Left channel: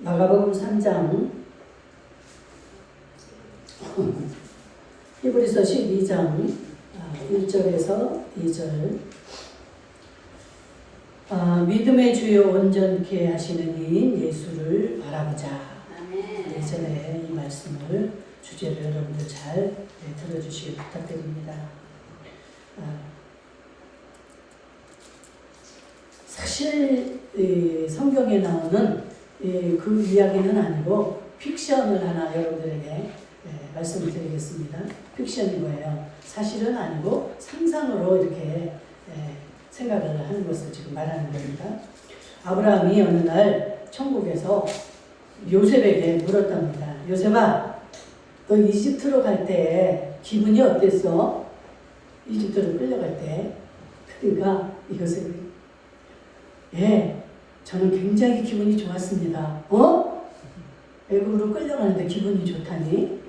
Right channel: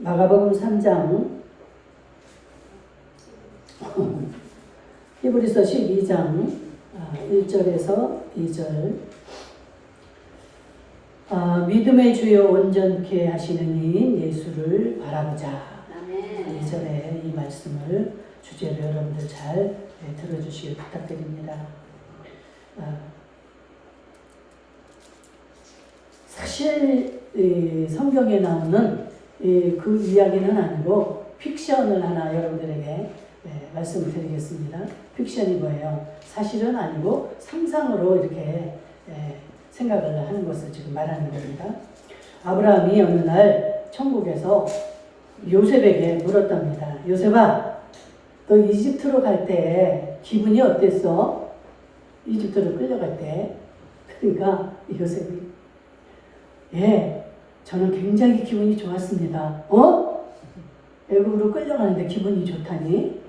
마가복음 3장, 히브리서 12장 1절에서 2절. 믿음의 주요 온전케 하시는 이인 예수를 바라보자. 예전에 이 말씀을 주제로 여러분들 잘 들어주시길 부탁드립니다. 사실 성경에 나오는 그 이야기는 아니고 픽션을 하나 여러분들에게 말씀을 드리겠습니다. 픽션이 뭐예요? 사실은 아니고 상상으로 이렇게 생각을 하는 것을 지금 말하는 겁니다. 아브라함이 어느 날 천국에서 요셉에게 물었답니다. 요셉아, 너 이집트로 갈 때 기분이 어땠어? 이집트로 끌려갈 때. 그러니까 요셉이, 예, 저는 굉장히 기분이 좋았습니다. 애굽으로 끌려가는데 기분이 좋다니?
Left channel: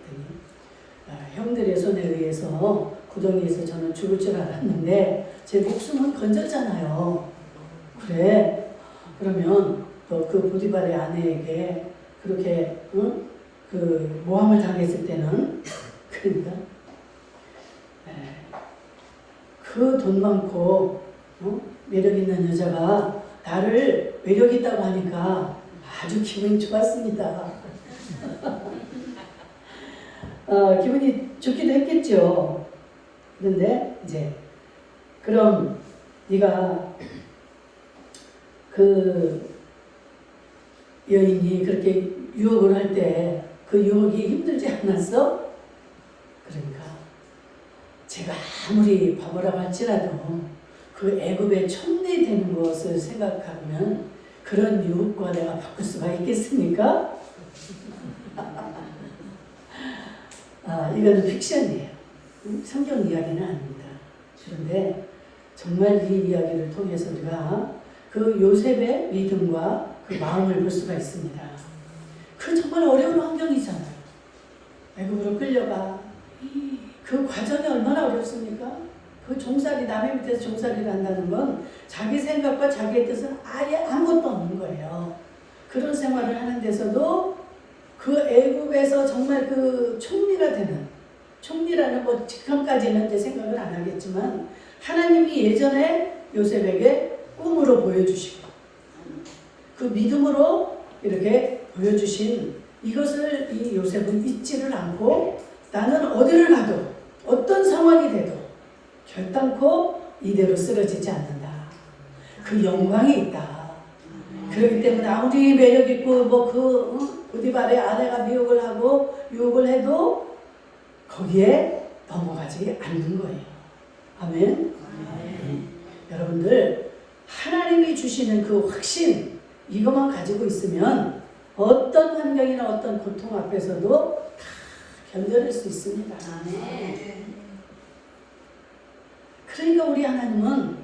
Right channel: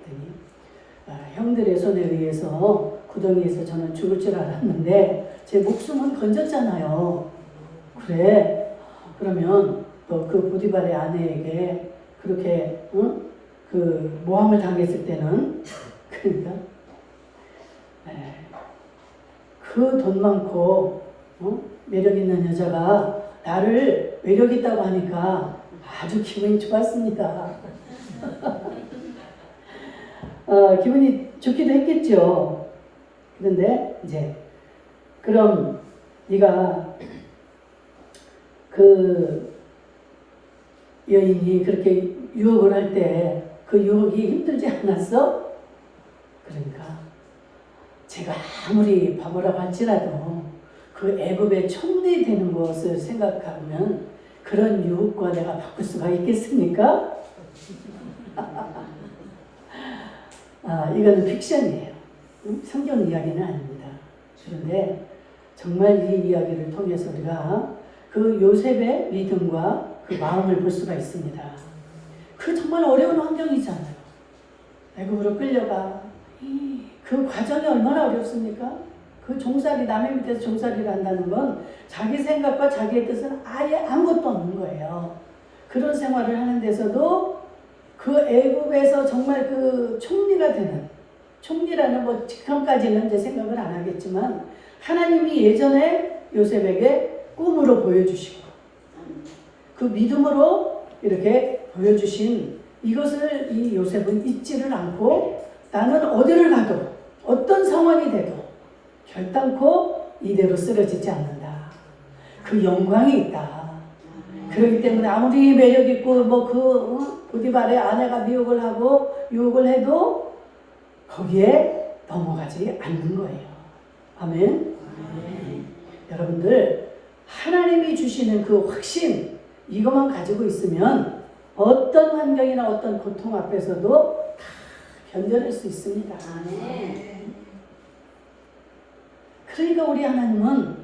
형들의 손에 의해서 구덩이에서 저는 죽을 줄 알았는데 제 목숨은 건졌잖아요. 그래, 그러면 그 보디발의 아내에게 그렇게 그 모함을 당했을 때는 그러니까 그 돈 많고 매력 있는 여자가 나를 매력 있다고 하니까 아주 기분이 좋았습니다. 기분이 좋기도 했겠죠. 그런데 이제 그럼 네가 그 여인이 그렇게 유혹을 할 때 그 유혹이 힘들지 않았어? 그러니까 제가 아무리 바보라고 할지라도 그 애굽의 총리 되는 것을 생각하면 그런 유혹과 내가 바꿀 수가 있겠습니까? 이거는 픽션이에요. 성경 이야기는 아닙니다. 그런데 정말 이 이야기를 통해서 우리가 그 요셉의 믿음과 그 마음을 볼 수가 있습니다. 그 정말 어려운 환경이잖아요. 애굽으로 끌려가. 그 과정이 얼마나 어렵습니까? 그 종살이, 남의 밑에서 종살이를 한다는 건 자기 생각과 자기의 뜻은 아예 아무것도 없는 거예요. 그런 생활을 하는 데서도 그 애굽에서 정말 그 총리가 되는, 총리라는 뭐 지금까지는 이제 생각을 안 하겠지만 하나님이 예전에 요셉에게 꿈으로 보여주시고 그 믿음으로 이렇게 보여주신 이것을 이 요셉은 잊지를 않고 나는 어디를 가도 어떤 상황이 돼도 결단코 이대로 쓰러지지 않는다. 그 영광이 있다. 그렇기 때문에 아무리 매력 있고 보디발의 아내가 미혹을 하고 유혹을 해도 거기에 넘어가지 않는 거예요. 아멘. 여러분들 하나님이 주시는 그 확신 이것만 가지고 있으면 어떤 환경이나 어떤 고통 앞에서도 다 견뎌낼 수 있습니다. 그러니까 우리 하나님은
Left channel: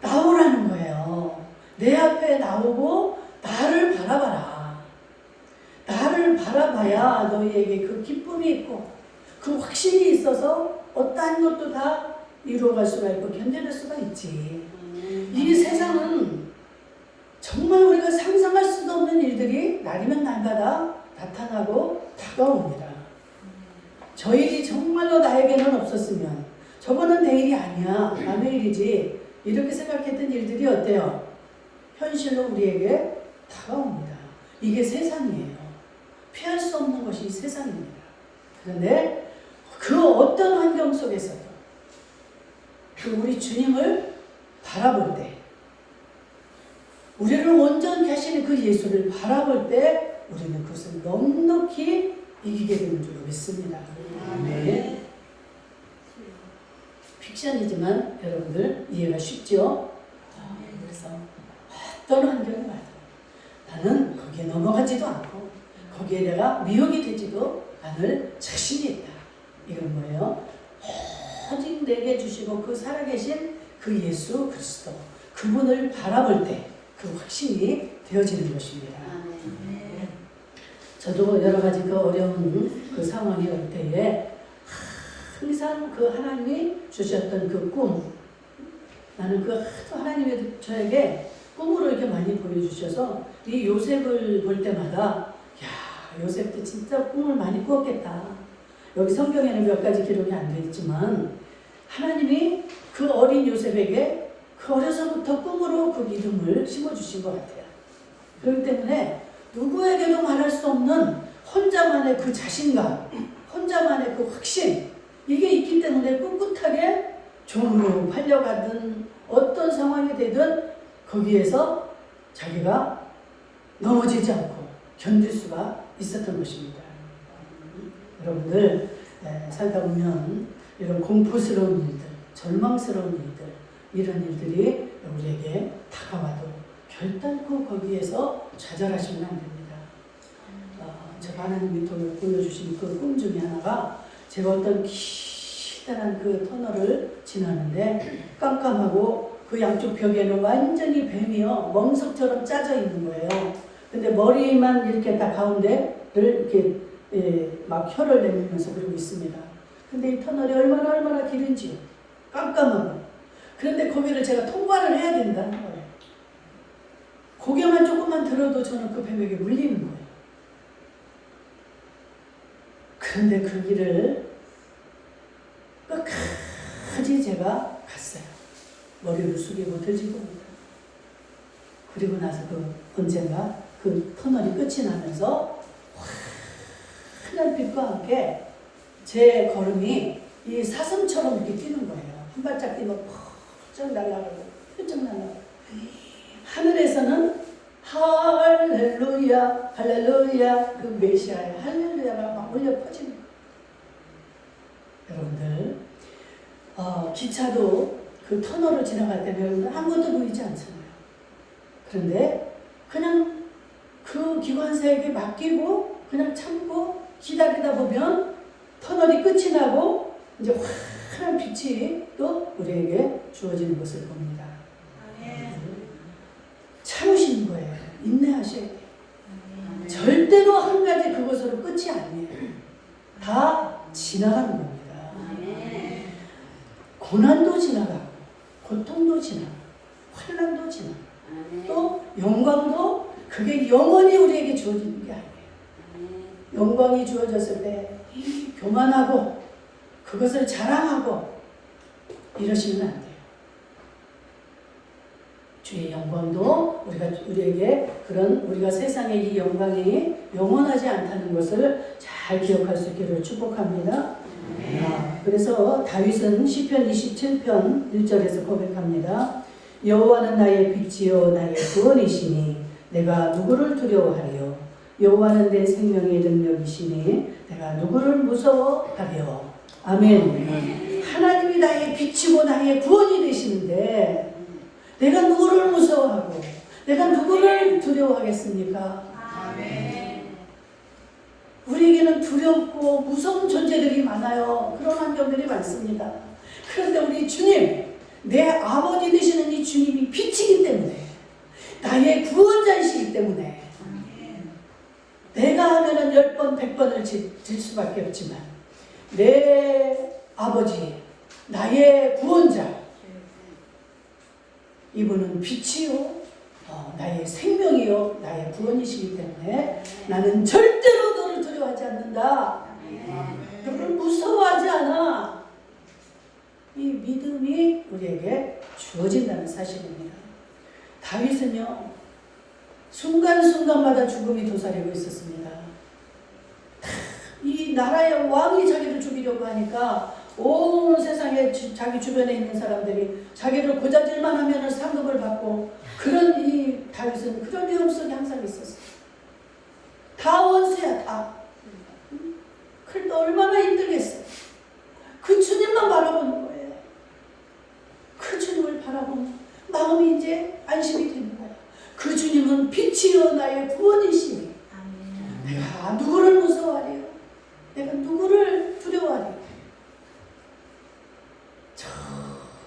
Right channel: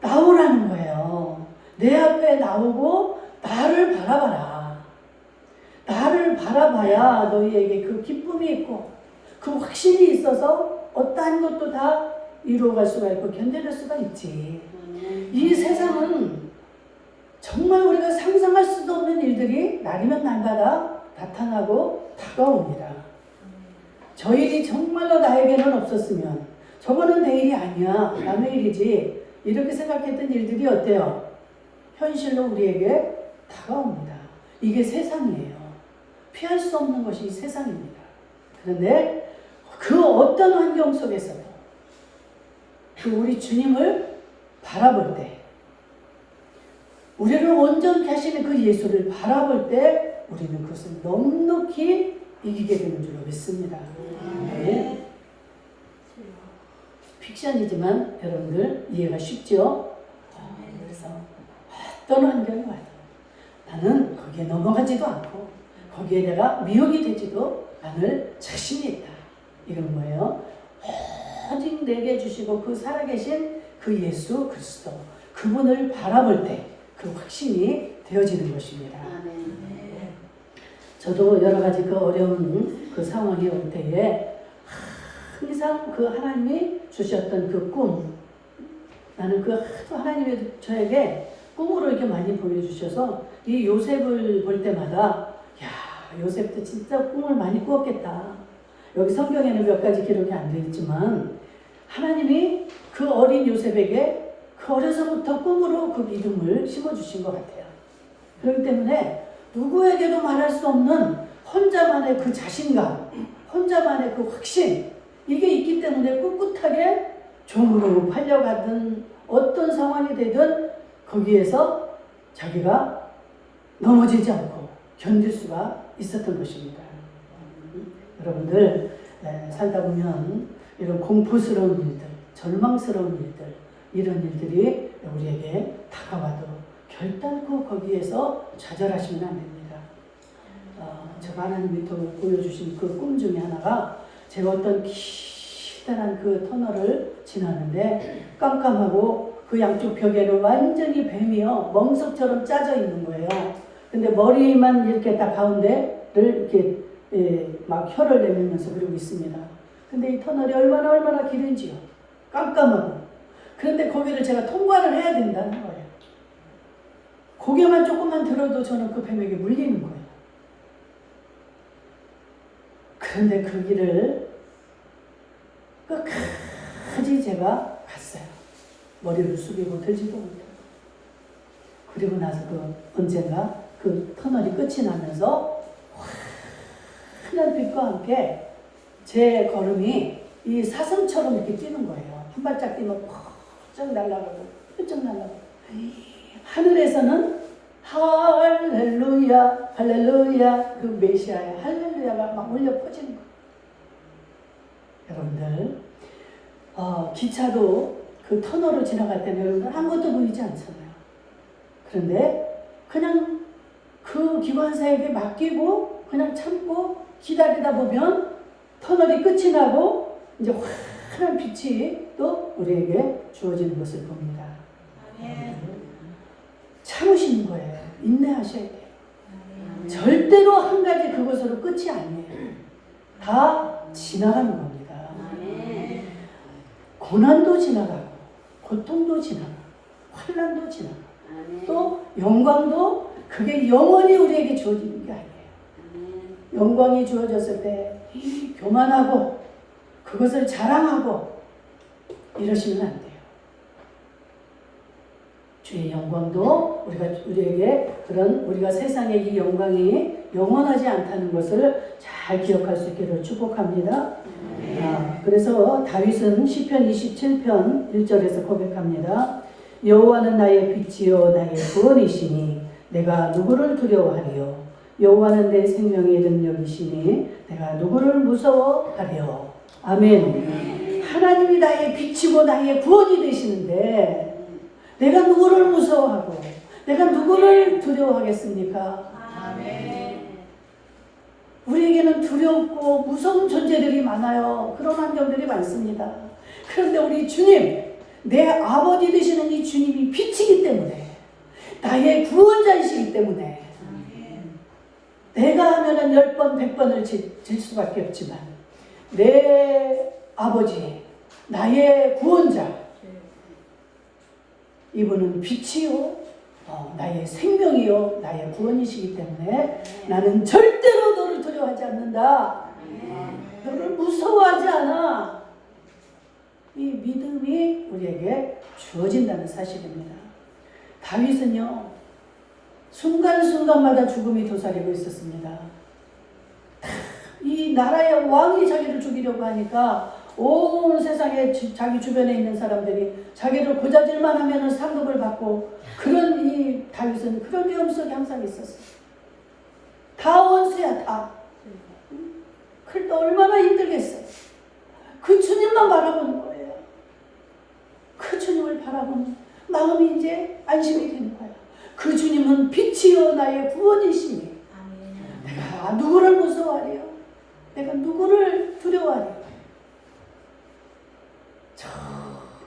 나오라는 거예요. 내 앞에 나오고 나를 바라봐라. 나를 바라봐야 너희에게 그 기쁨이 있고 그 확신이 있어서 어떠한 것도 다 이루어갈 수가 있고 견뎌낼 수가 있지. 이 세상은 정말 우리가 상상할 수도 없는 일들이 날이면 날마다 나타나고 다가옵니다. 저 일이 정말로 나에게는 없었으면 저거는 내 일이 아니야, 남의 일이지 이렇게 생각했던 일들이 어때요? 현실로 우리에게 다가옵니다. 이게 세상이에요. 피할 수 없는 것이 세상입니다. 그런데 그 어떤 환경 속에서도 그 우리 주님을 바라볼 때 우리를 온전케 하시는 그 예수를 바라볼 때 우리는 그것을 넉넉히 이기게 되는 줄로 믿습니다. 네. 픽션이지만 여러분들 이해가 쉽죠? 그래서 어떤 환경이 와도 나는 거기에 넘어가지도 않고 거기에 내가 미혹이 되지도 않을 자신이 있다. 이건 뭐예요? 오직 내게 주시고 그 살아계신 그 예수 그리스도 그분을 바라볼 때 그 확신이 되어지는 것입니다. 저도 여러 가지 그 어려운 그 상황이 올 때에 항상 그 하나님이 주셨던 그 꿈, 나는 그 하나님이 저에게 꿈으로 이렇게 많이 보여주셔서 이 요셉을 볼 때마다 야, 요셉도 진짜 꿈을 많이 꾸었겠다. 여기 성경에는 몇 가지 기록이 안 되어 있지만 하나님이 그 어린 요셉에게 그 어려서부터 꿈으로 그 믿음을 심어주신 것 같아요. 그렇기 때문에 누구에게도 말할 수 없는 혼자만의 그 자신감, 혼자만의 그 확신, 이게 있기 때문에 꿋꿋하게 종으로 팔려가든 어떤 상황이 되든 거기에서 자기가 넘어지지 않고 견딜 수가 있었던 것입니다. 여러분들 살다 보면 이런 공포스러운 일들, 절망스러운 일들, 이런 일들이 우리에게 다가와도 결단코 거기에서 좌절하시면 안 됩니다. 제가 하나님이 보여주신 그 꿈 중에 하나가 제가 어떤 기다란 그 터널을 지나는데 깜깜하고 그 양쪽 벽에는 완전히 뱀이요 멍석처럼 짜져 있는 거예요. 근데 머리만 이렇게 딱 가운데를 이렇게 막 혀를 내밀면서 그러고 있습니다. 근데 이 터널이 얼마나 길은지요. 깜깜하고. 그런데 거기를 제가 통과를 해야 된다는 거예요. 고개만 조금만 들어도 저는 그 뱀에게 물리는 거예요. 그런데 그 길을 끝까지 제가 갔어요. 머리를 숙이고 들지도 못하고. 그리고 나서 언젠가 그 터널이 끝이 나면서 환한 빛과 함께 제 걸음이 이 사슴처럼 이렇게 뛰는 거예요. 한 발짝 뛰면 펄쩍 날아가고 펄쩍 날아가고. 하늘에서는 할렐루야 할렐루야 그 메시아의 할렐루야가 막 울려 퍼지는 거예요. 여러분들 기차도 그 터널을 지나갈 때는 아무것도 보이지 않잖아요. 그런데 그냥 그 기관사에게 맡기고 그냥 참고 기다리다 보면 터널이 끝이 나고 이제 환한 빛이 또 우리에게 주어지는 것을 봅니다. 참으시는 거예요. 인내하셔야 돼요. 절대로 한 가지 그것으로 끝이 아니에요. 다 지나가는 겁니다. 고난도 지나가고 고통도 지나가고 환난도 지나가고 또 영광도 그게 영원히 우리에게 주어지는 게 아니에요. 영광이 주어졌을 때 교만하고 그것을 자랑하고 이러시면 안 돼요. 주의 영광도 우리에게 그런 우리가 세상의 이 영광이 영원하지 않다는 것을 잘 기억할 수 있기를 축복합니다. 그래서 다윗은 시편 27편 1절에서 고백합니다. 여호와는 나의 빛이요 나의 구원이시니 내가 누구를 두려워하리요. 여호와는 내 생명의 능력이시니 내가 누구를 무서워하리요. 아멘. 하나님이 나의 빛이고 나의 구원이 되시는데 내가 누구를 무서워하고 내가 누구를 두려워하겠습니까? 아멘. 우리에게는 두렵고 무서운 존재들이 많아요. 그런 환경들이 많습니다. 그런데 우리 주님, 내 아버지 되시는 이 주님이 빛이기 때문에 나의 구원자이시기 때문에 내가 하면은 10번 100번을 질 수밖에 없지만 내 아버지, 나의 구원자 이분은 빛이요 나의 생명이요 나의 구원이시기 때문에 나는 절대로 너를 두려워하지 않는다. 너를 무서워하지 않아. 이 믿음이 우리에게 주어진다는 사실입니다. 다윗은요 순간순간마다 죽음이 도사리고 있었습니다. 이 나라의 왕이 자기를 죽이려고 하니까 온 세상에 자기 주변에 있는 사람들이 자기를 고자질만 하면 상급을 받고 그런 이 다윗은 그런 위험 속에 항상 있었어요. 다 원수야 다. 그런데 얼마나 힘들겠어요. 그 주님만 바라보는 거예요. 그 주님을 바라보는 마음이 이제 안심이 되는 거예요. 그 주님은 빛이요 나의 구원이시니 내가 누구를 무서워하리요. 내가 누구를 두려워하리요.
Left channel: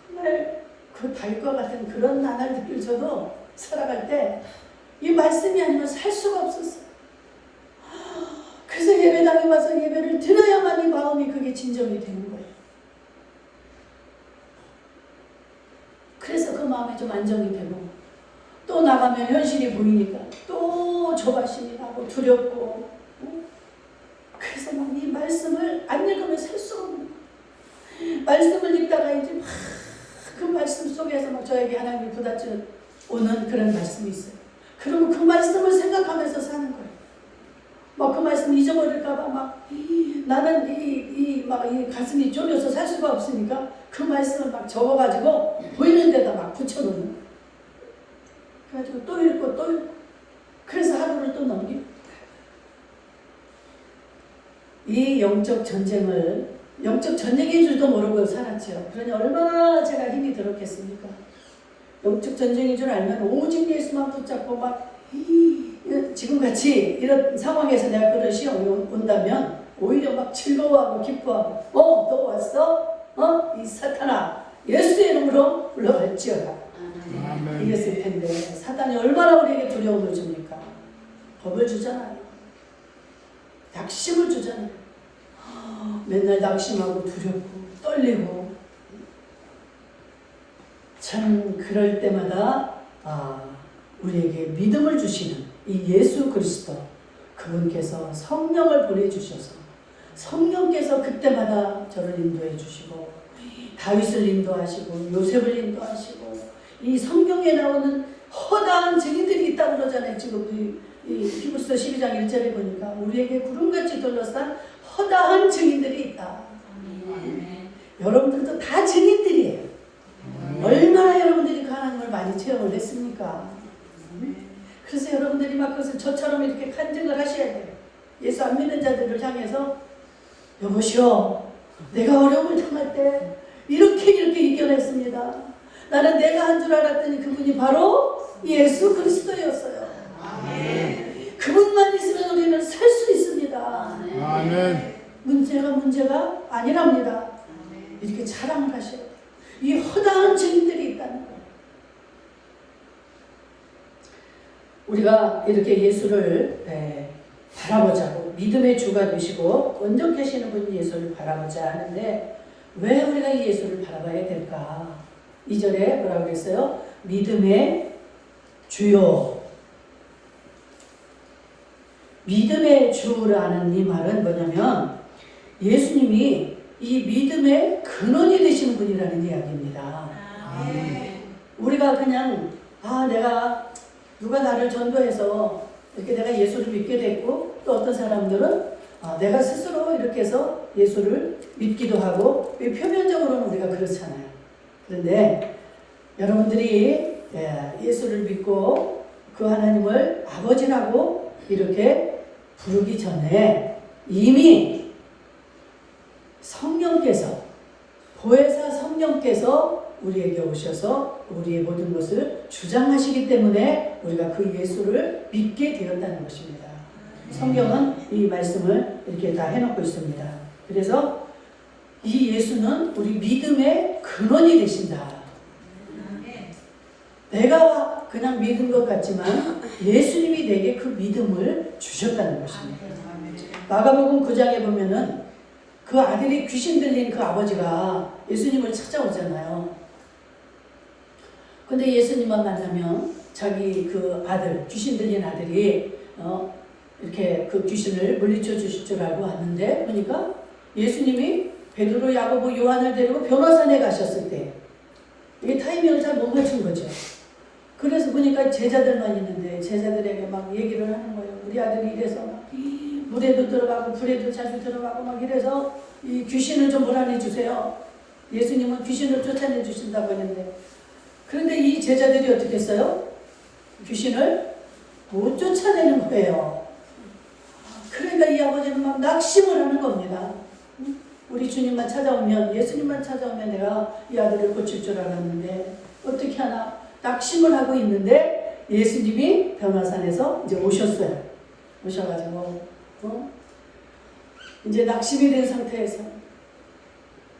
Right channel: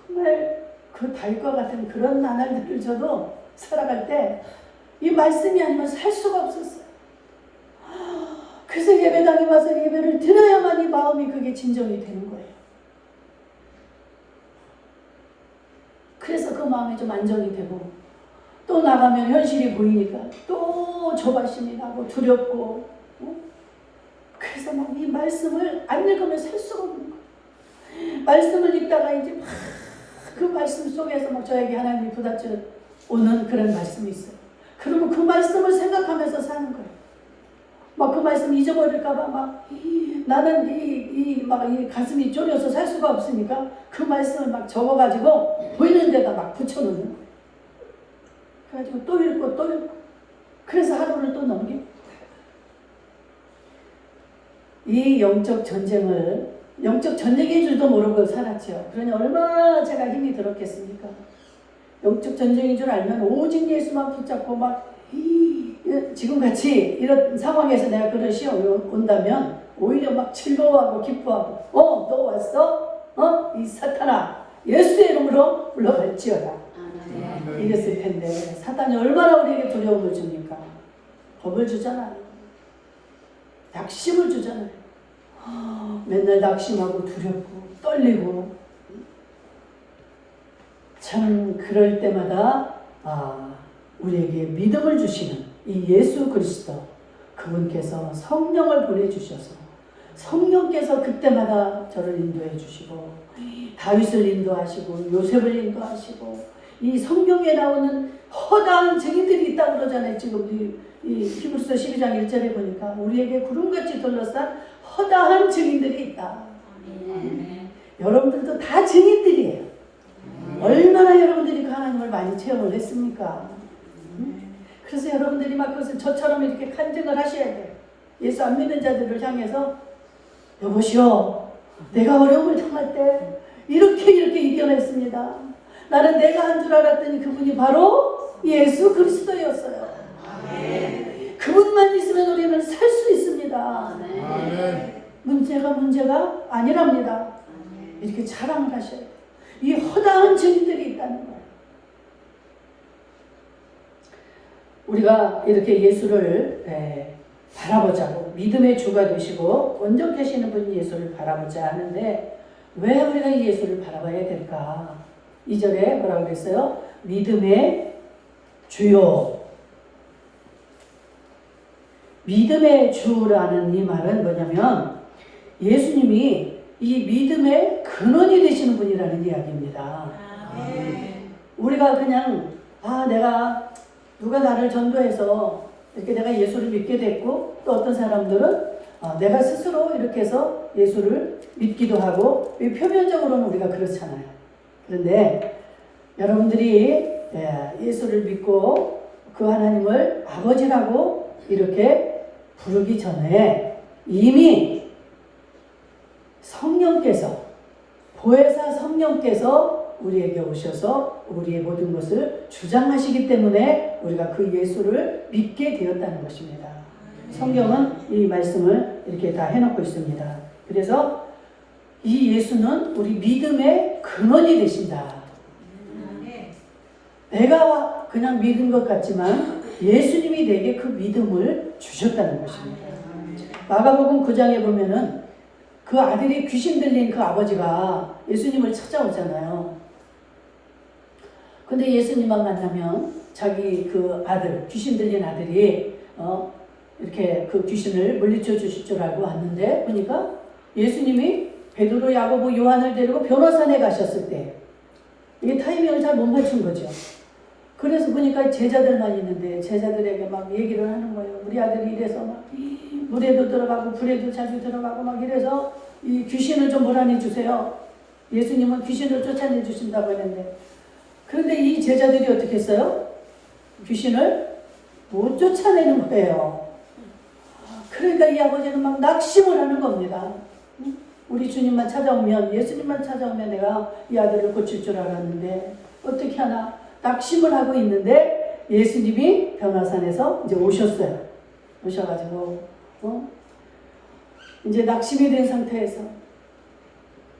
정말 그 다윗과 같은 그런 나날들을 저도 살아갈 때 이 말씀이 아니면 살 수가 없었어요. 그래서 예배당에 와서 예배를 드려야만 이 마음이 그게 진정이 되는 거예요. 그래서 그 마음이 좀 안정이 되고 또 또 나가면 현실이 보이니까 또 조바심이 나고 두렵고, 그래서 막 이 말씀을 안 읽으면 살 수가 없는 거예요. 말씀을 읽다가 이제 막 그 말씀 속에서 막 저에게 하나님이 부닥쳐 오는 그런 말씀이 있어요. 그러면 그 말씀을 생각하면서 사는 거예요. 막 그 말씀 잊어버릴까봐 막 나는 이 가슴이 졸여서 살 수가 없으니까 그 말씀을 막 적어가지고 보이는 데다 막 붙여놓는 거예요. 그래가지고 또 읽고 또 읽고, 그래서 하루를 또 넘기고. 이 영적 전쟁인 줄도 모르고 살았죠. 그러니 얼마나 제가 힘이 들었겠습니까? 영적 전쟁인 줄 알면 오직 예수만 붙잡고 막 지금같이 이런 상황에서 내가 그런 시험이 온다면 오히려 막 즐거워하고 기뻐하고, 또 왔어? 이 사탄아, 예수의 이름으로 물러갈지어다. 이랬을 텐데 사탄이 얼마나 우리에게 두려움을 줍니까? 겁을 주잖아요. 낙심을 주잖아요. 맨날 낙심하고 두렵고 떨리고. 참 그럴 때마다 우리에게 믿음을 주시는 이 예수 그리스도, 그분께서 성령을 보내주셔서 성령께서 그때마다 저를 인도해 주시고, 다윗을 인도하시고 요셉을 인도하시고, 이 성경에 나오는 허다한 증인들이 있다고 그러잖아요. 지금 이 히브리서 12장 1절에 보니까 우리에게 구름같이 둘러싼 허다한 증인들이 있다. 여러분들도 다 증인들이에요. 얼마나 여러분들이 그 하나님을 많이 체험을 했습니까? 그래서 여러분들이 막 그것을 저처럼 이렇게 간증을 하셔야 돼요. 예수 안 믿는 자들을 향해서, 여보시오, 내가 어려움을 당할 때 이렇게 이겨냈습니다. 나는 내가 한 줄 알았더니 그분이 바로 예수 그리스도였어요. 그분만 있으면 우리는 살 수 있습니다. 문제가 아니랍니다. 이렇게 자랑을 하셔야 돼요. 이 허다한 증인들이 있다는 거예요. 우리가 이렇게 예수를 바라보자고, 믿음의 주가 되시고 온전케 하시는 분 예수를 바라보자 하는데, 왜 우리가 이 예수를 바라봐야 될까? 2절에 뭐라고 그랬어요? 믿음의 주요. 믿음의 주라는 이 말은 뭐냐면 예수님이 이 믿음의 근원이 되시는 분이라는 이야기입니다. 우리가 그냥 내가 누가 나를 전도해서 이렇게 내가 예수를 믿게 됐고, 또 어떤 사람들은 내가 스스로 이렇게 해서 예수를 믿기도 하고, 표면적으로는 우리가 그렇잖아요. 그런데 여러분들이 예수를 믿고 그 하나님을 아버지라고 이렇게 부르기 전에 이미 성령께서, 보혜사 성령께서 우리에게 오셔서 우리의 모든 것을 주장하시기 때문에 우리가 그 예수를 믿게 되었다는 것입니다. 성경은 이 말씀을 이렇게 다 해놓고 있습니다. 그래서 이 예수는 우리 믿음의 근원이 되신다. 내가 그냥 믿은 것 같지만 예수님이 내게 그 믿음을 주셨다는 것입니다. 마가복음 9장에 보면은 그 아들이 귀신 들린 그 아버지가 예수님을 찾아오잖아요. 근데 예수님만 만나면 자기 그 아들, 귀신 들린 아들이 이렇게 그 귀신을 물리쳐 주실 줄 알고 왔는데, 보니까 예수님이 베드로, 야고보, 요한을 데리고 변호산에 가셨을 때 이게 타이밍을 잘 못 맞춘 거죠. 그래서 보니까 제자들만 있는데 제자들에게 막 얘기를 하는 거예요. 우리 아들이 이래서 막 물에도 들어가고 불에도 자주 들어가고 막 이래서 이 귀신을 좀 몰아내 주세요. 예수님은 귀신을 쫓아내 주신다고 했는데, 그런데 이 제자들이 어떻게 했어요? 귀신을 못 쫓아내는 거예요. 그러니까 이 아버지는 막 낙심을 하는 겁니다. 우리 주님만 찾아오면, 예수님만 찾아오면 내가 이 아들을 고칠 줄 알았는데 어떻게 하나 낙심을 하고 있는데, 예수님이 변화산에서 이제 오셨어요. 오셔가지고 이제 낙심이 된 상태에서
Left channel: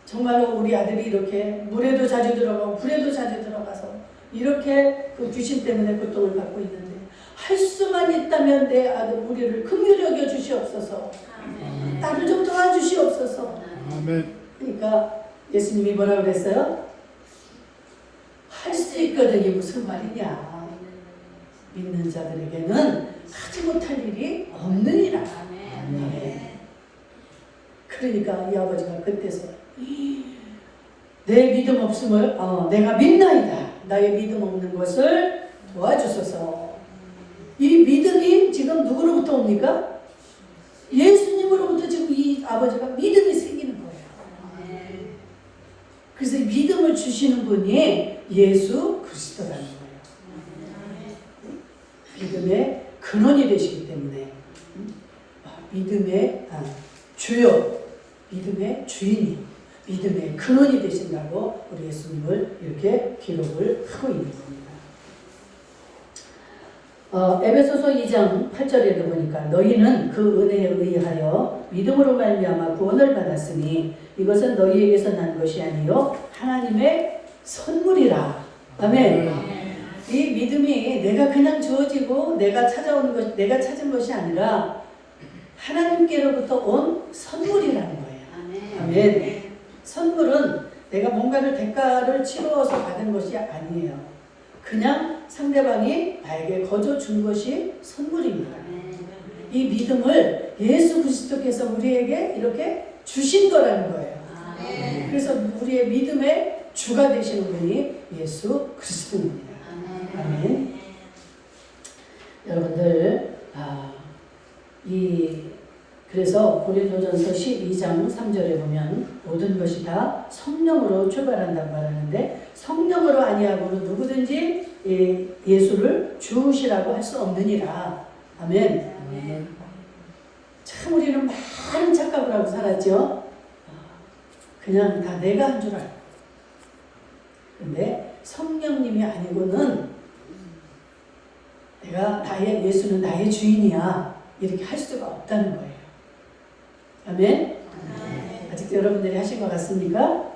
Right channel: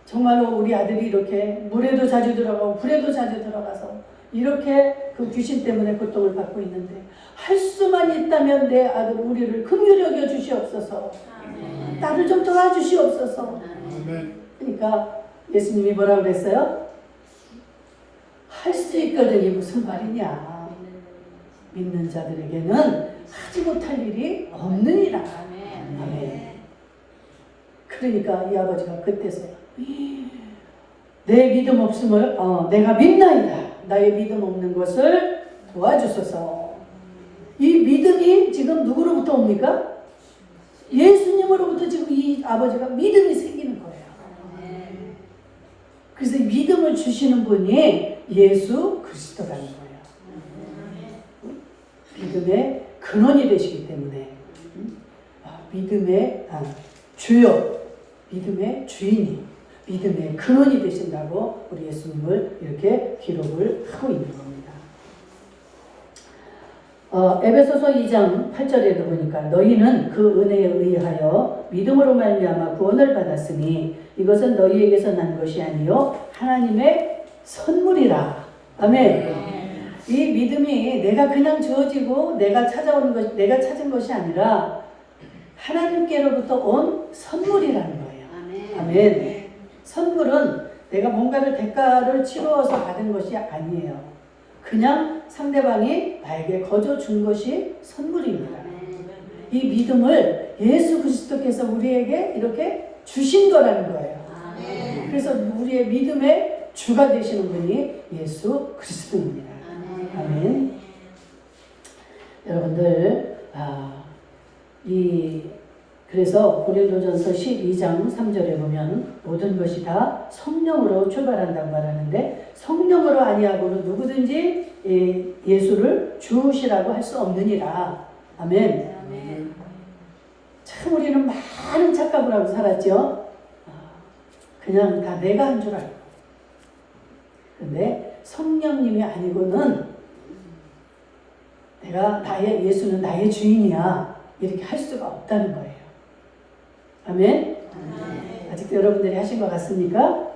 정말로 우리 아들이 이렇게 물에도 자주 들어가고 불에도 자주 들어가서 이렇게 그 귀신 때문에 고통을 받고 있는데, 할 수만 있다면 내 아들 우리를 긍휼히 여겨 주시옵소서. 나를 좀 도와주시옵소서. 그러니까 예수님이 뭐라고 그랬어요? 할 수 있거든이 무슨 말이냐. 믿는 자들에게는 하지 못할 일이 없느니라. 아멘. 그러니까 이 아버지가 그때서야 내 믿음 없음을 내가 믿나이다. 나의 믿음 없는 것을 도와주소서. 이 믿음이 지금 누구로부터 옵니까? 예수님으로부터 지금 이 아버지가 믿음이 생기는 거예요. 그래서 이 믿음을 주시는 분이 예수 그리스도라는 거예요. 믿음의 근원이 되시기 때문에 믿음의 주요, 믿음의 주인이, 믿음의 근원이 되신다고 우리 예수님을 이렇게 기록을 하고 있는 겁니다. 에베소서 2장 8절에도 보니까 너희는 그 은혜에 의하여 믿음으로 말미암아 구원을 받았으니 이것은 너희에게서 난 것이 아니요 하나님의 선물이라. 아멘. 이 믿음이 내가 그냥 주어지고 내가 찾은 것이 아니라 하나님께로부터 온 선물이라는 거예요. 아멘. 선물은 내가 뭔가를 대가를 치루어서 받은 것이 아니에요. 그냥 상대방이 나에게 거저 준 것이 선물입니다. 이 믿음을 예수 그리스도께서 우리에게 이렇게 주신 거라는 거예요. 그래서 우리의 믿음의 주가 되시는 분이 예수 그리스도입니다. 아멘. 여러분들 그래서 고린도전서 12장 3절에 보면 모든 것이 다 성령으로 출발한다고 말하는데 성령으로 아니하고는 누구든지 예수를 주시라고 할 수 없느니라. 아멘. 참 우리는 많은 착각을 하고 살았죠. 그냥 다 내가 한 줄 알고. 그런데 성령님이 아니고는 예수는 나의 주인이야 이렇게 할 수가 없다는 거예요. 아멘. 아직도 여러분들이 하신 것 같습니까?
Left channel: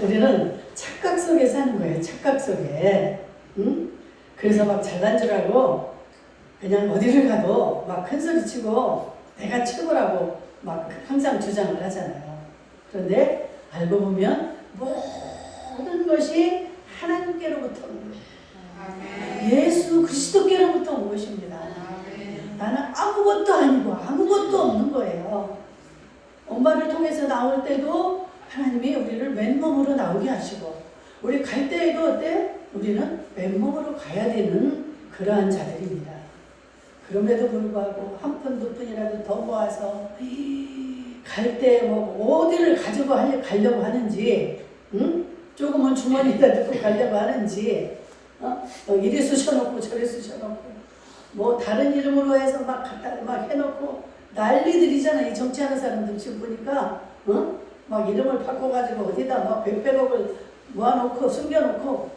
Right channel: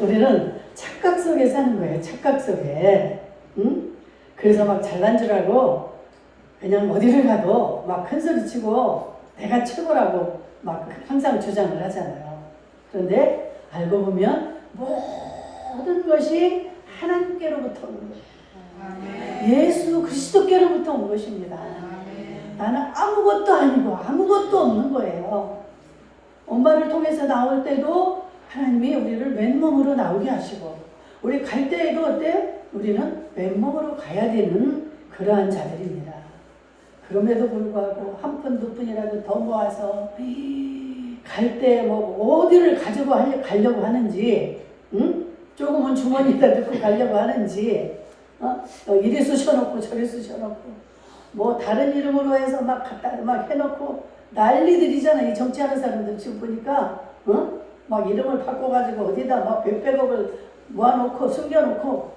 우리는 착각 속에 사는 거예요. 착각 속에. 응? 그래서 막 잘난 줄 알고 그냥 어디를 가도 막 큰 소리 치고 내가 최고라고 막 항상 주장을 하잖아요. 그런데 알고 보면 모든 것이 하나님께로부터 오는 거예요. 예수 그리스도께로부터 온 것입니다. 나는 아무것도 아니고 아무것도 없는 거예요. 엄마를 통해서 나올 때도 하나님이 우리를 맨몸으로 나오게 하시고 우리 갈 때에도 어때요? 우리는 맨몸으로 가야 되는 그러한 자들입니다. 그럼에도 불구하고 한 푼 두 푼이라도 더 모아서 갈 때 뭐 어디를 가려고 하는지 조금은 주머니에다 넣고 가려고 하는지 이리 쑤셔놓고 저리 쑤셔놓고 뭐 다른 이름으로 해서 막 갖다 막 해놓고 난리들이잖아. 이 정치하는 사람들 지금 보니까 막 이름을 바꿔가지고 어디다 막 백백억을 모아놓고 숨겨놓고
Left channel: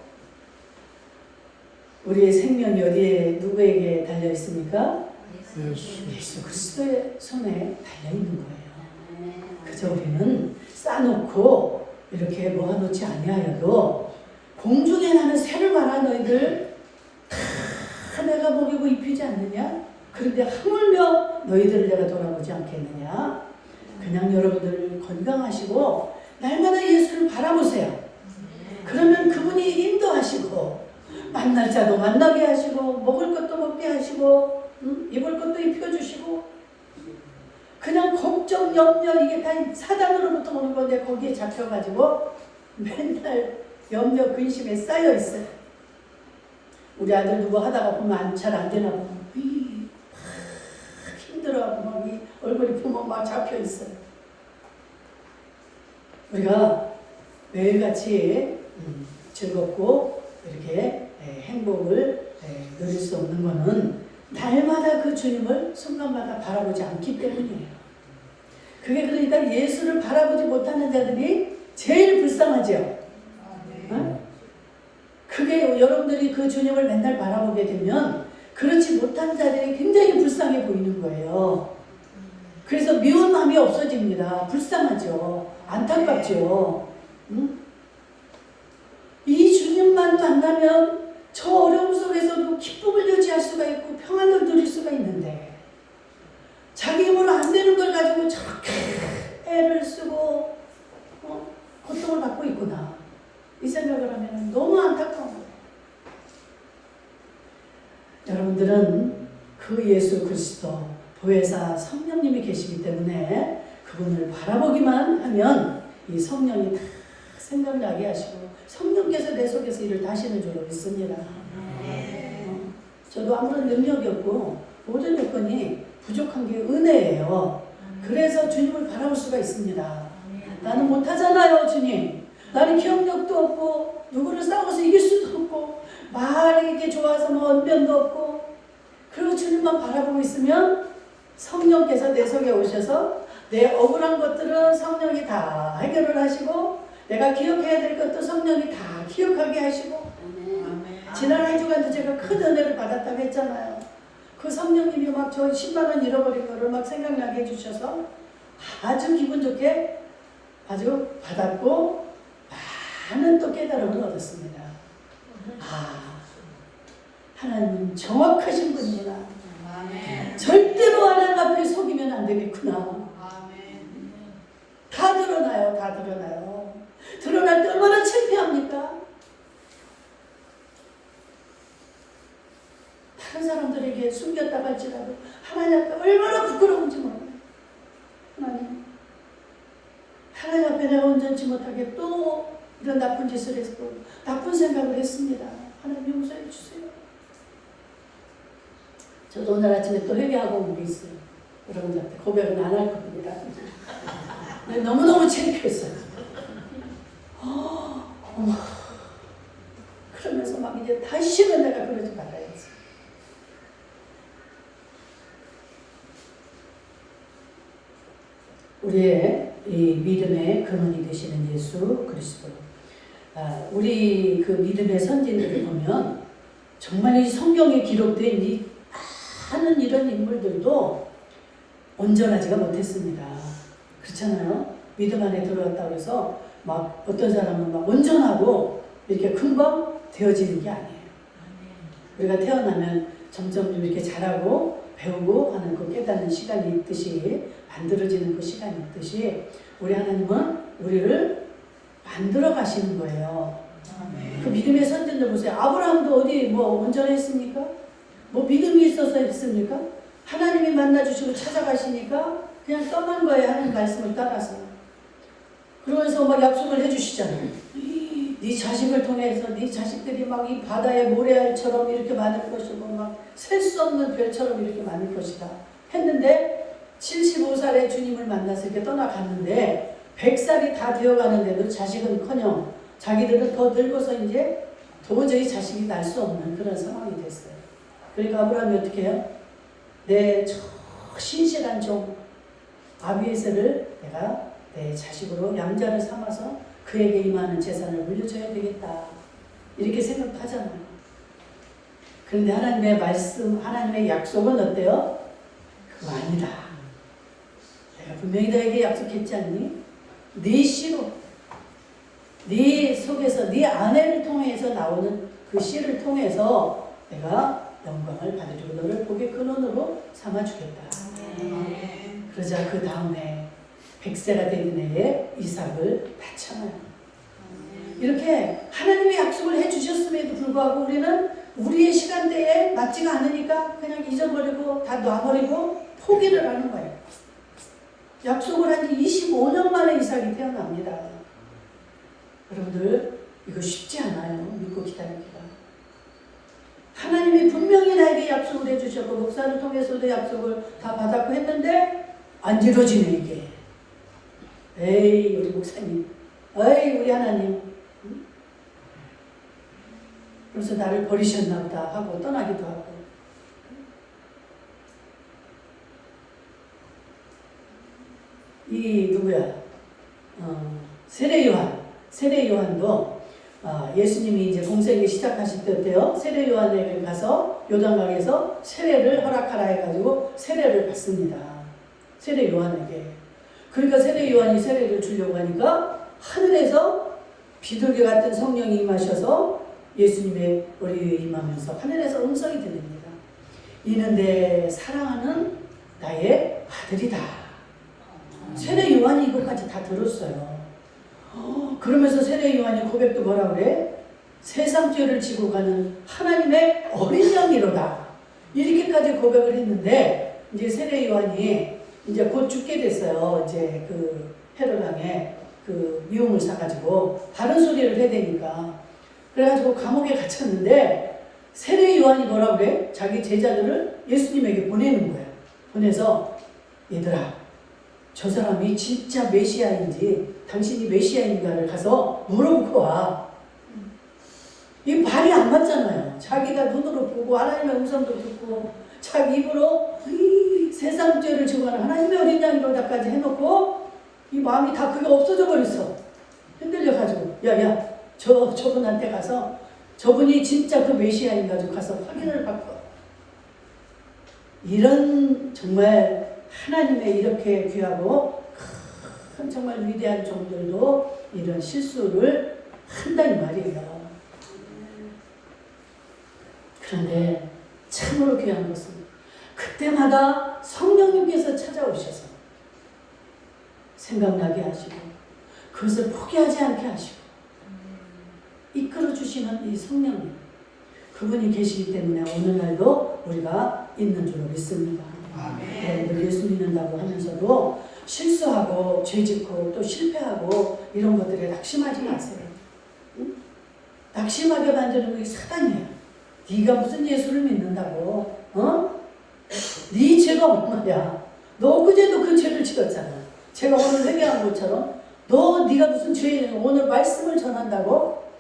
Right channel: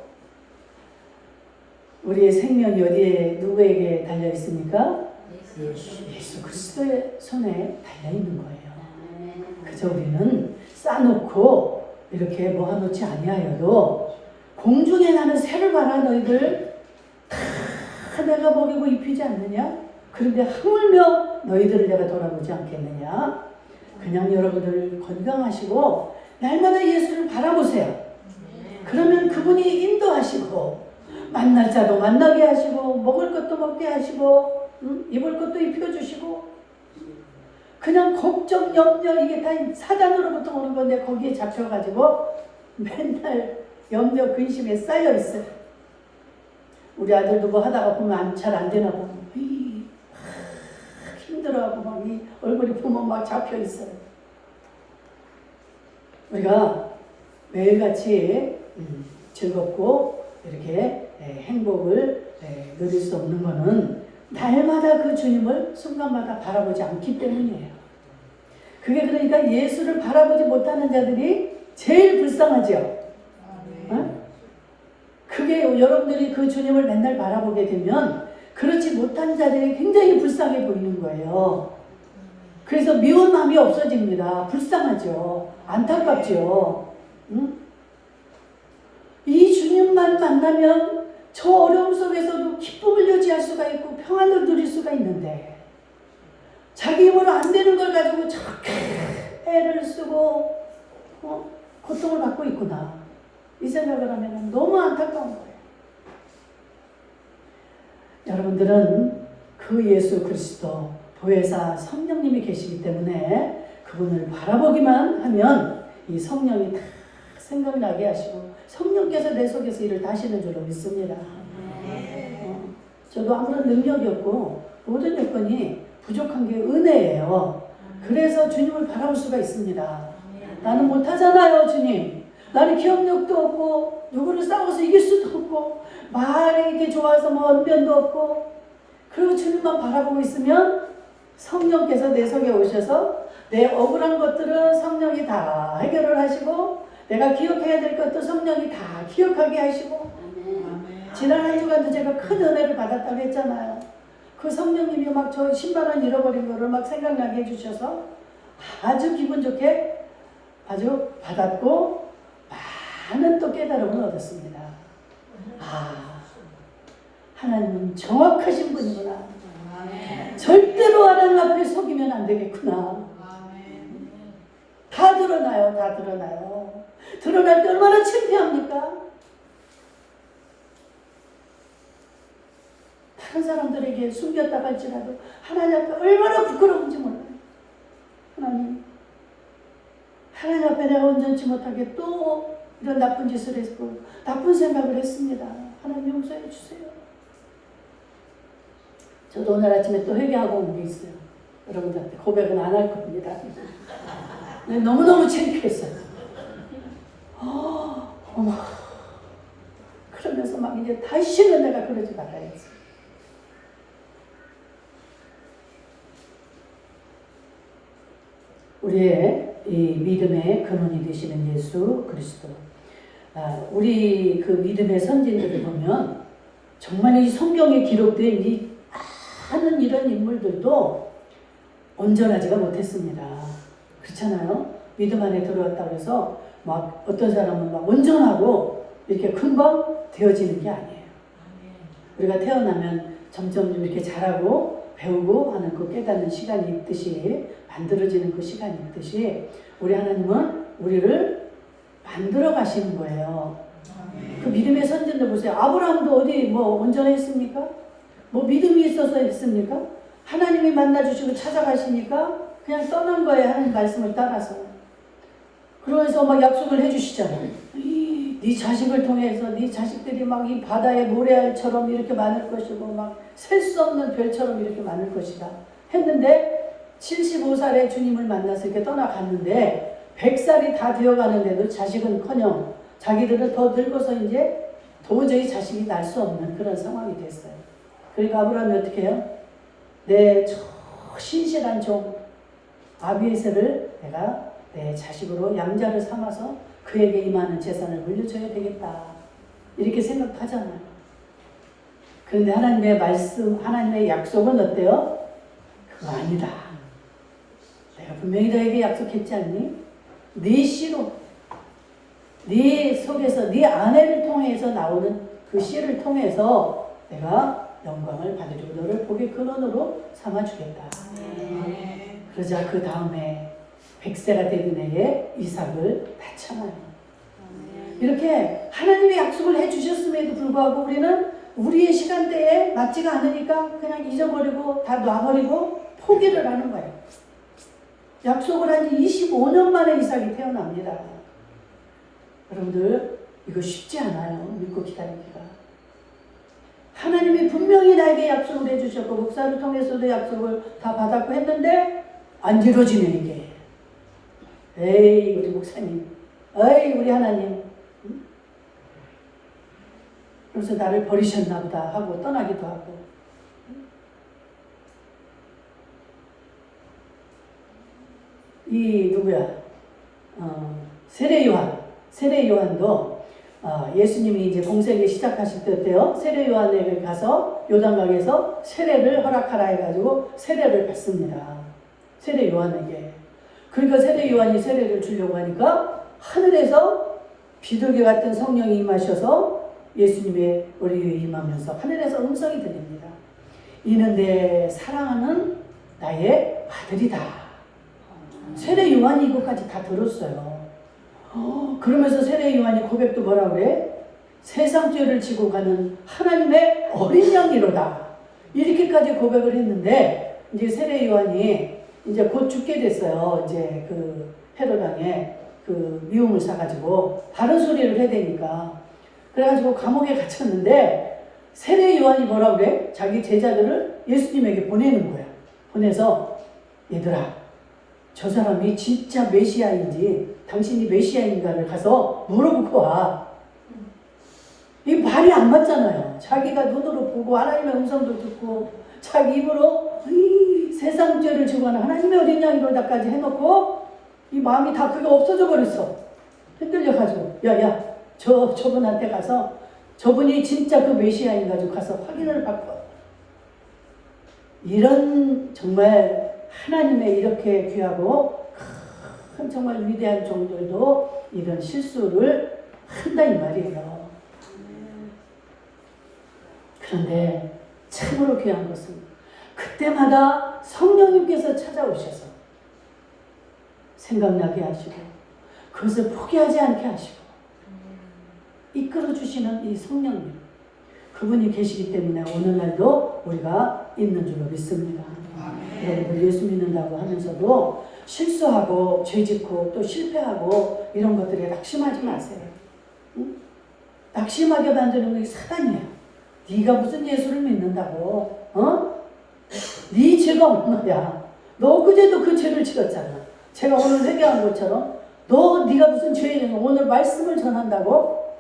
우리의 생명이 어디에 누구에게 달려 있습니까? 예수 그리스도의 손에 달려 있는 거예요. 그저 우리는 싸놓고 이렇게 모아놓지 아니하여도 공중에 나는 새를 봐라 너희들 다 내가 먹이고 입히지 않느냐? 그런데 하물며 너희들을 내가 돌아보지 않겠느냐? 그냥 여러분들 건강하시고 날마다 예수를 바라보세요. 그러면 그분이 인도하시고 만날 자도 만나게 하시고 먹을 것도 먹게 하시고 입을 것도 입혀주시고 그냥 걱정 염려 이게 다 사단으로부터 오는 건데 거기에 잡혀가지고 맨날 염려 근심에 쌓여 있어요. 우리 아들도 뭐 하다가 보면 잘 안 되나 보면 힘들어하고 막 이 얼굴이 보면 막 잡혀 있어요. 우리가 매일같이 즐겁고 이렇게 행복을 누릴 수 없는 것은 날마다 그 주님을 순간마다 바라보지 않기 때문이에요. 그게 그러니까 예수를 바라보지 못하는 자들이 제일 불쌍하죠. 그게 여러분들이 그 주님을 맨날 바라보게 되면 그렇지 못한 자들이 굉장히 불쌍해 보이는 거예요. 그래서 미운 마음이 없어집니다. 불쌍하죠. 안타깝죠. 이 주님만 만나면 저 어려움 속에서도 기쁨을 유지할 수가 있고 평안을 누릴 수가 있는데 자기 힘으로 안 되는 걸 가지고 저렇게 애를 쓰고 고통을 받고 있구나 이 생각을 하면 너무 안타까운 거예요. 여러분들은 그 예수 그리스도 보혜사 성령님이 계시기 때문에 그분을 바라보기만 하면 이 성령이 다 생각나게 하시고 성령께서 내 속에서 일을 다 하시는 줄로 믿습니다. 저도 아무런 능력이 없고 모든 여건이 부족한 게 은혜예요. 그래서 주님을 바라볼 수가 있습니다. 나는 못하잖아요, 주님. 나는 기억력도 없고 누구를 싸워서 이길 수도 없고 말이 이게 좋아서 뭐 언변도 없고, 그리고 주님만 바라보고 있으면 성령께서 내 속에 오셔서 내 억울한 것들은 성령이 다 해결을 하시고 내가 기억해야 될 것도 성령이 다 기억하게 하시고. 지난 한 주간도 제가 큰 은혜를 받았다고 했잖아요. 그 성령님이 막 저 10만 원 잃어버린 거를 막 생각나게 해주셔서 아주 기분 좋게 아주 받았고 많은 또 깨달음을 얻었습니다. 하나님은 정확하신 분이구나. 절대로 하나님 앞에 속이면 안 되겠구나. 다 드러나요. 다 드러나요. 드러날 때 얼마나 창피합니까? 다른 사람들에게 숨겼다 할지라도 하나님 앞에 얼마나 부끄러운지 몰라요. 하나님 앞에 내가 온전치 못하게 또 이런 나쁜 짓을 했고 나쁜 생각을 했습니다. 하나님 용서해 주세요. 저도 오늘 아침에 또 회개하고 온 게 있어요. 여러분들한테 고백은 안 할 겁니다. 너무너무 창피했어요. 어머. 그러면서 막 이제 다시는 내가 그러지 말아야지. 우리의 이 믿음의 근원이 되시는 예수 그리스도. 우리 그 믿음의 선진들을 보면 정말 이 성경에 기록된 이 많은 이런 인물들도 온전하지가 못했습니다. 그렇잖아요? 믿음 안에 들어왔다고 해서 막 어떤 사람은 막 온전하고 이렇게 금방 되어지는 게 아니에요. 우리가 태어나면 점점 이렇게 자라고 배우고 하는 그 깨닫는 시간이 있듯이, 만들어지는 그 시간이 있듯이 우리 하나님은 우리를 만들어 가시는 거예요. 그 믿음의 선진들 보세요. 아브라함도 어디 뭐 온전했습니까? 뭐 믿음이 있어서 했습니까? 하나님이 만나주시고 찾아가시니까 그냥 떠난 거예요. 하나님 말씀을 따라서. 그러면서 막 약속을 해주시잖아요. 네 자식을 통해서 네 자식들이 막 이 바다의 모래알처럼 이렇게 많을 것이고 막 셀 수 없는 별처럼 이렇게 많을 것이다 했는데 75살에 주님을 만나서 이렇게 떠나갔는데 100살이 다 되어가는데도 자식은커녕 자기들은 더 늙어서 이제 도저히 자식이 날 수 없는 그런 상황이 됐어요. 그러니까 아브라함이 어떻게 해요? 내 신실한 종 아비에셀을 내가 내 자식으로 양자를 삼아서 그에게 임하는 재산을 물려줘야 되겠다. 이렇게 생각하잖아요. 그런데 하나님의 말씀, 하나님의 약속은 어때요? 그거 아니다. 내가 분명히 너에게 약속했지 않니? 네 씨로, 네 속에서 네 아내를 통해서 나오는 그 씨를 통해서 내가 영광을 받으리고 너를 복의 근원으로 삼아주겠다. 그러자 그 다음에 100세가 되는 해에 이삭을 낳잖아요. 이렇게 하나님의 약속을 해주셨음에도 불구하고 우리는 우리의 시간대에 맞지가 않으니까 그냥 잊어버리고 다 놔버리고 포기를 하는 거예요. 약속을 한 25년 만에 이삭이 태어납니다. 여러분들 이거 쉽지 않아요. 믿고 기다리기가. 하나님이 분명히 나에게 약속을 해주셨고 목사를 통해서도 약속을 다 받았고 했는데 안 이루어지면 이게 에이 우리 목사님, 에이 우리 하나님, 그래서 나를 버리셨나 보다 하고 떠나기도 하고. 이 누구야? 세례 요한도 예수님이 이제 공생을 시작하실 때 어때요? 세례 요한에게 가서 요단강에서 세례를 허락하라 해가지고 세례를 받습니다. 세례 요한에게. 그러니까 세례 요한이 세례를 주려고 하니까 하늘에서 비둘기 같은 성령이 임하셔서 예수님의 머리에 임하면서 하늘에서 음성이 들립니다. 이는 내 사랑하는 나의 아들이다. 세례 요한이 이것까지 다 들었어요. 그러면서 세례 요한이 고백도 뭐라 그래? 세상 죄를 지고 가는 하나님의 어린 양이로다. 이렇게까지 고백을 했는데 이제 세례 요한이 이제 곧 죽게 됐어요. 이제 그 헤롯 왕의 그 미움을 사가지고 바른 소리를 해야 되니까. 그래가지고 감옥에 갇혔는데 세례 요한이 뭐라 그래? 자기 제자들을 예수님에게 보내는 거야. 보내서 얘들아, 저 사람이 진짜 메시아인지 당신이 메시아인가를 가서 물어보고 와. 이 말이 안 맞잖아요. 자기가 눈으로 보고 하나님의 음성도 듣고 자기 입으로 이 세상 죄를 지고하는 하나님의 어린 양이로다까지 해놓고 이 마음이 다 그게 없어져 버렸어. 흔들려가지고 야야 저분한테 가서 저분이 진짜 그 메시아인 가지고 가서 확인을 받고. 이런 정말 하나님의 이렇게 귀하고 큰 정말 위대한 종들도 이런 실수를 한다 이 말이에요. 그런데 참으로 귀한 것은 그때마다 성령님께서 찾아오셔서 생각나게 하시고 그것을 포기하지 않게 하시고 이끌어 주시는 이 성령님, 그분이 계시기 때문에 오늘날도 우리가 있는 줄로 믿습니다. 여러분들 예수 믿는다고 하면서도 실수하고 죄짓고 또 실패하고 이런 것들에 낙심하지 마세요. 응? 낙심하게 만드는 게 사단이에요. 네가 무슨 예수를 믿는다고? 어? 네 죄가 얼마야? 너 그제도 그 죄를 지었잖아. 제가 오늘 회개한 것처럼 네가 무슨 죄냐? 오늘 말씀을 전한다고?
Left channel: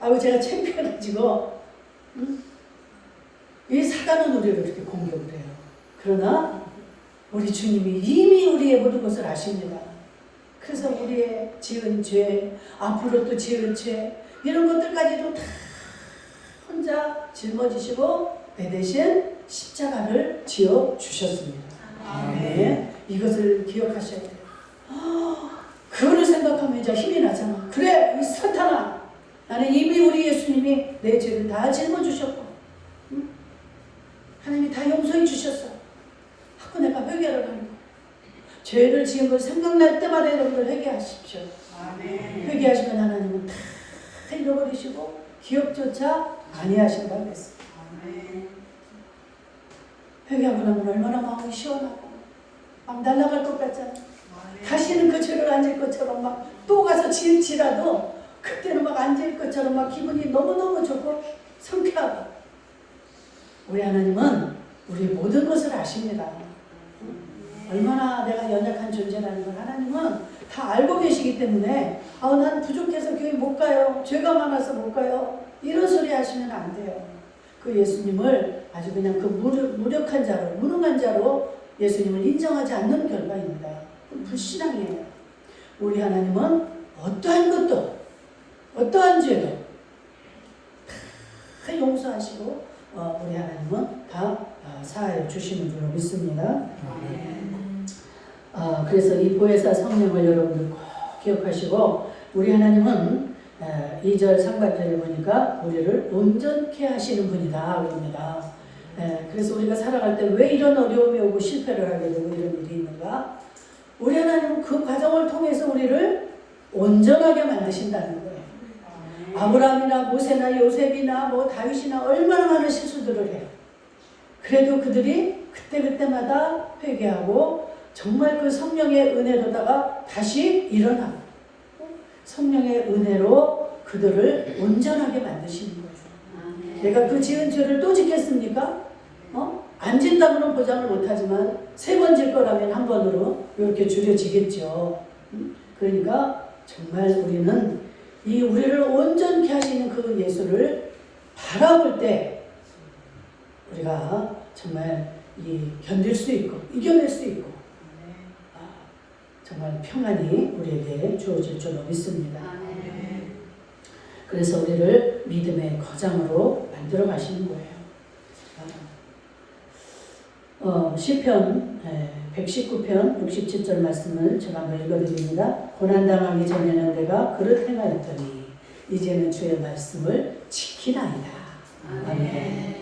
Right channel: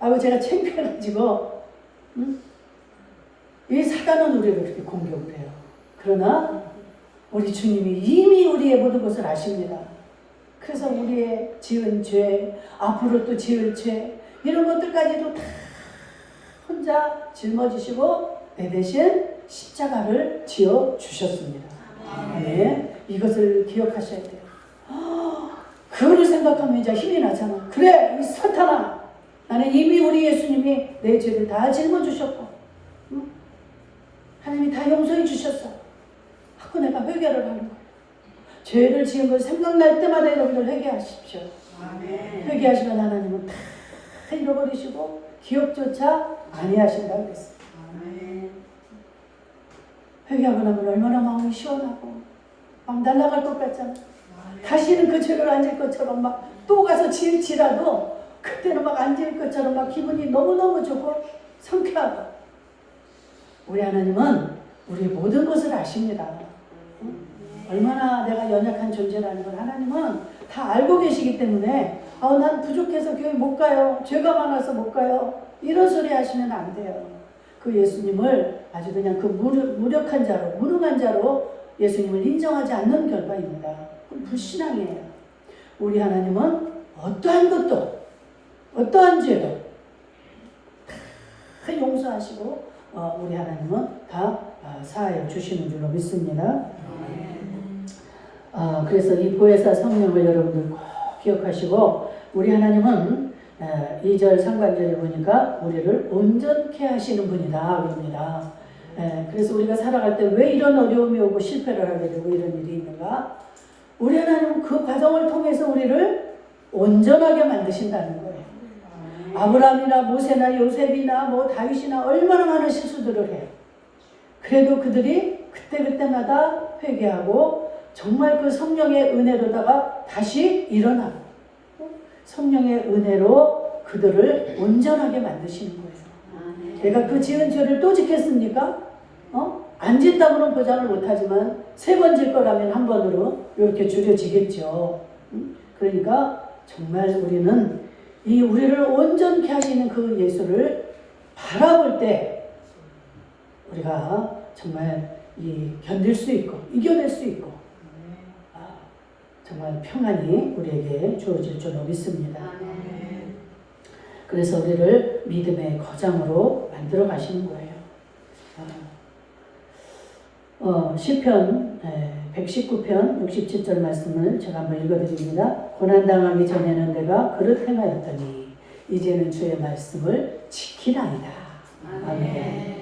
아이고 제가 창피해가지고 응? 이 사단은 우리를 이렇게 공격을 해요. 그러나 우리 주님이 이미 우리의 모든 것을 아십니다. 그래서 우리의 지은 죄, 앞으로 또 지을 죄 이런 것들까지도 다 혼자 짊어지시고 내 대신 십자가를 지어 주셨습니다. 네, 이것을 기억하셔야 돼요. 그거를 생각하면 이제 힘이 나잖아. 그래, 이 사탄아, 나는 이미 우리 예수님이 내 죄를 다 짊어주셨고, 응? 하나님이 다 용서해 주셨어. 하고 내가 회개를 하는 거예요. 죄를 지은 걸 생각날 때마다 여러분들 회개하십시오. 회개하시면 하나님은 다 잃어버리시고 기억조차 아니하신다고 그랬어요. 회개하고 나면 얼마나 마음이 시원하고 막 날아갈 것 같잖아. 다시는 그 죄를 안 질 것처럼 막 또 가서 지을지라도 그때는 막 안 질 것처럼 막 기분이 너무너무 좋고 상쾌하고. 우리 하나님은 우리의 모든 것을 아십니다. 얼마나 내가 연약한 존재라는 걸 하나님은 다 알고 계시기 때문에 난 부족해서 교회 못 가요. 죄가 많아서 못 가요. 이런 소리 하시면 안 돼요. 그 예수님을 아주 그냥 그 무력한 자로, 무능한 자로 예수님을 인정하지 않는 결과입니다. 불신앙이에요. 우리 하나님은 어떠한 것도, 어떠한 죄도 다 용서하시고 우리 하나님은 다 사하여 주시는 줄로 믿습니다. 그래서 이 보혜사 성령을 여러분들 꼭 기억하시고 우리 하나님은 2절 상반절을 보니까 우리를 온전케 하시는 분이다 그럽니다. 그래서 우리가 살아갈 때 왜 이런 어려움이 오고 실패를 하게 되고 이런 일이 있는가? 우리 하나님은 그 과정을 통해서 우리를 온전하게 만드신다는 거예요. 아브라함이나 모세나 요셉이나 뭐 다윗이나 얼마나 많은 실수들을 해요. 그래도 그들이 그때마다 회개하고 정말 그 성령의 은혜로다가 다시 일어나고 성령의 은혜로 그들을 온전하게 만드시는 거예요. 내가 그 지은 죄를 또 짓겠습니까? 안 짓다고는 보장을 못하지만 3번 질 거라면 한 번으로 이렇게 줄여지겠죠. 그러니까 정말 우리는 이 우리를 온전케 하시는 그 예수를 바라볼 때 우리가 정말 견딜 수 있고 이겨낼 수 있고 정말 평안이 우리에게 주어질 줄로 믿습니다. 그래서 우리를 믿음의 거장으로 만들어 가시는 거예요. 시편 119편 67절 말씀을 제가 한번 읽어드립니다. 고난당하기 전에는 내가 그릇 행하였더니 이제는 주의 말씀을 지키나이다. 아멘.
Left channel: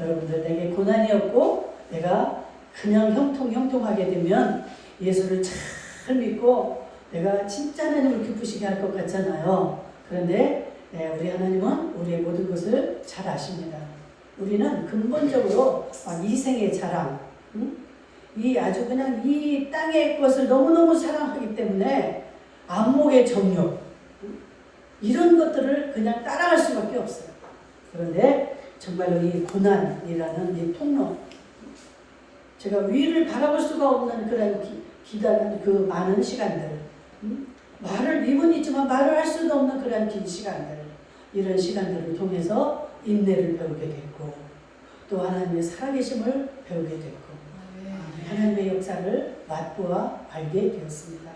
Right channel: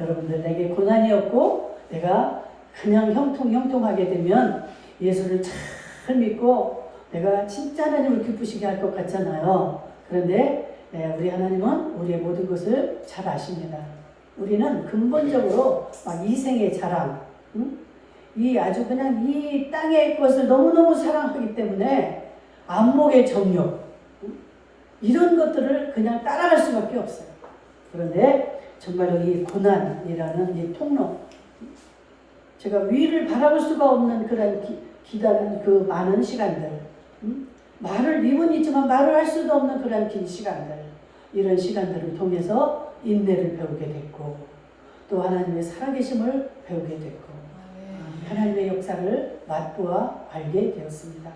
여러분들 내게 고난이 없고 내가 그냥 형통하게 되면 예수를 잘 믿고 내가 진짜 하나님을 기쁘시게 할 것 같잖아요. 그런데 우리 하나님은 우리의 모든 것을 잘 아십니다. 우리는 근본적으로 막 이생의 자랑, 응? 이 아주 그냥 이 땅의 것을 너무너무 사랑하기 때문에 안목의 정욕, 응? 이런 것들을 그냥 따라갈 수밖에 없어요. 그런데 정말로 이 고난이라는 이 통로, 제가 위를 바라볼 수가 없는 그런 기다란 그 많은 시간들, 말을 입은 있지만 말을 할 수도 없는 그런 긴 시간들, 이런 시간들을 통해서 인내를 배우게 됐고 또 하나님의 살아계심을 배우게 됐고 하나님의 역사를 맛보아 알게 되었습니다.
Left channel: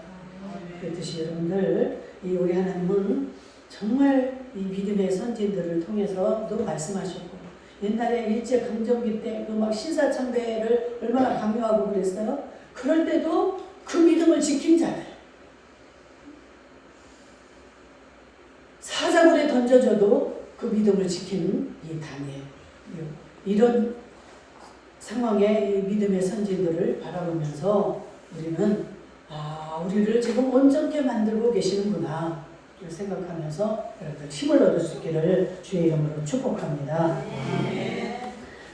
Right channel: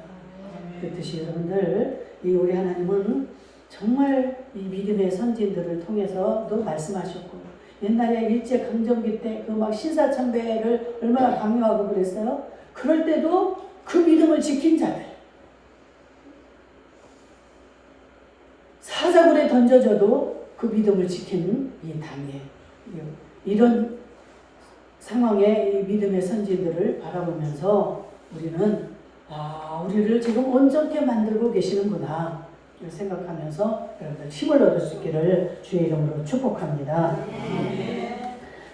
그렇듯이 여러분들 이 우리 하나님은 정말 이 믿음의 선진들을 통해서도 말씀하셨고 옛날에 일제강점기 때 그 막 신사참배를 얼마나 강요하고 그랬어요. 그럴 때도 그 믿음을 지킨 자들, 사자굴에 던져져도 그 믿음을 지킨 이 다니엘, 이런 상황의 이 믿음의 선진들을 바라보면서 우리는 우리를 지금 온전케 만들고 계시는구나 생각하면서 여러분들 힘을 얻을 수 있기를 주의 이름으로 축복합니다.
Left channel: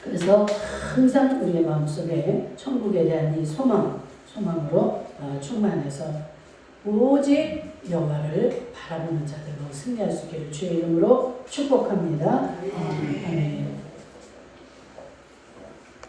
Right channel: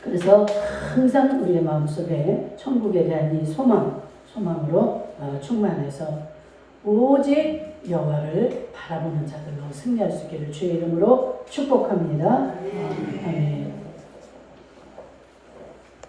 그래서 항상 우리의 마음속에 천국에 대한 이 소망으로 충만해서 오직 여호와를 바라보는 자들로 승리할 수 있기를 주의 이름으로 축복합니다. 아멘.